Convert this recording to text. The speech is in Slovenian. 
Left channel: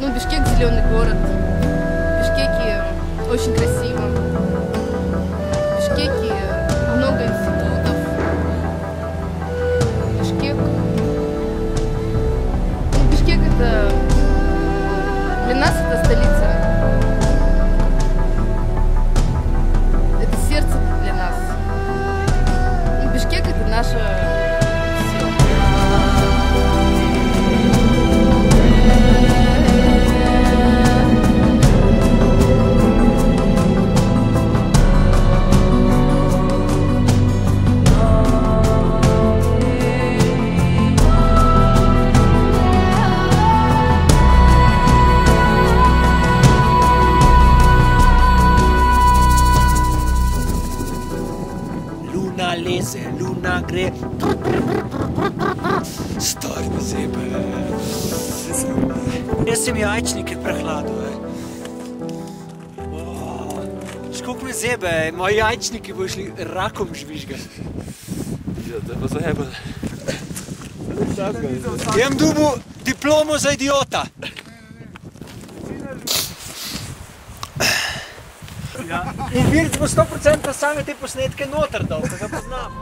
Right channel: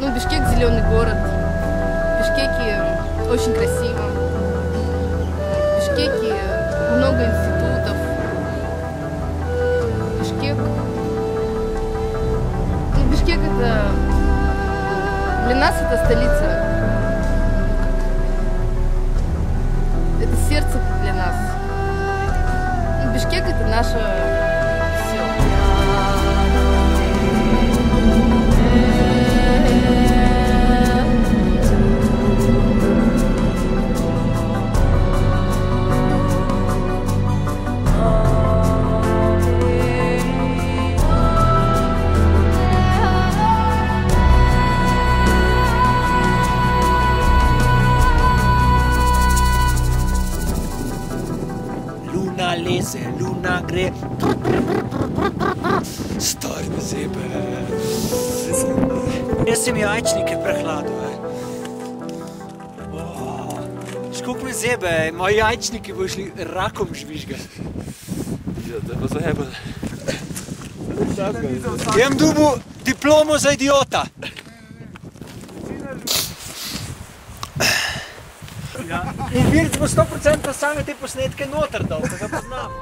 Ну, Бишкек – зеленый город. В Бишкеке очень красиво. В Бишкеке много институтов. Бишкек. Ну, Бишкек – это для нас это столица. Это сердце для нас. Ну, Бишкек – это наше все. Luna leze, luna gre. Stari me zebe. Jaz sem jajčnike prehladil. Koliko me zebe, moji jajčniki bojo šli rakom žvižgati. Ja, da pa zajebal. Jem dobil diplomo za idiota. In Virc bo 100% same te posnetke noter dal, ko ga poznam.